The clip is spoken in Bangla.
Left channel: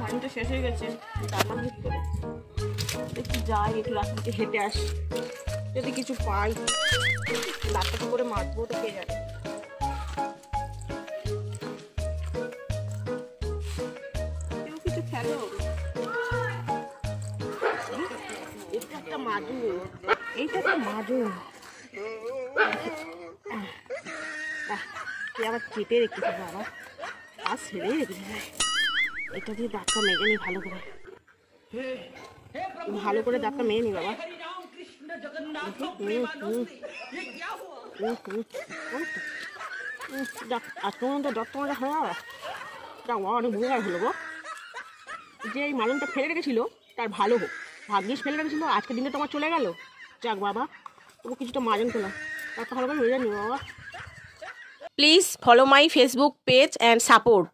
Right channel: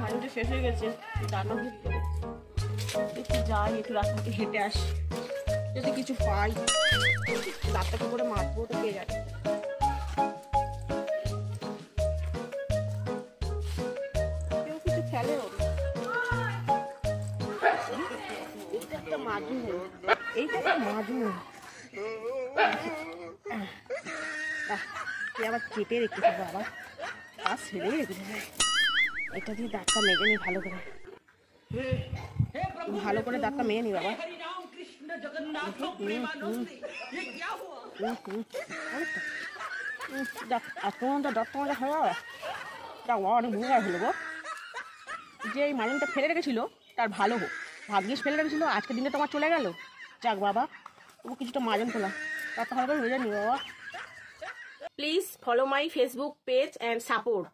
মাইন্ডটা শেষ হয়ে গেছে, রান্না ভিতরে একটু যাই, একটু রাস্তা থেকে হেঁটে আসি, যদি কিছু পাই। দাঁতটা কি করে মারবো তো কে জানে। কেউ কিছু খেলে হবে। এটা একটা মাদুর, এইটা একটা মাদুর। তুই আবার কেটে রেখেছিস বাবা, আর ছেড়ে রেখেছিস। এটা দিয়ে দাঁতটা মেজে নি ভালো করে, ভালো করে দাঁতটা মেয়ে নি বাবা। আজকে মধ্যে ডক্টর অনেক ভুল হলো গো। যে এই মালুমটা ফেলে রেখেছিল তার ভালো হোক, ভাগ্যিস ফেলে রেখেছিল, আজকের দিনে তোমার চলে গেল। যাক বাবা, তবু কিছুটা মাজন তোলা, তার ভালো করে হয়ে যায়নি বাবা। Please follow my Facebook page and support.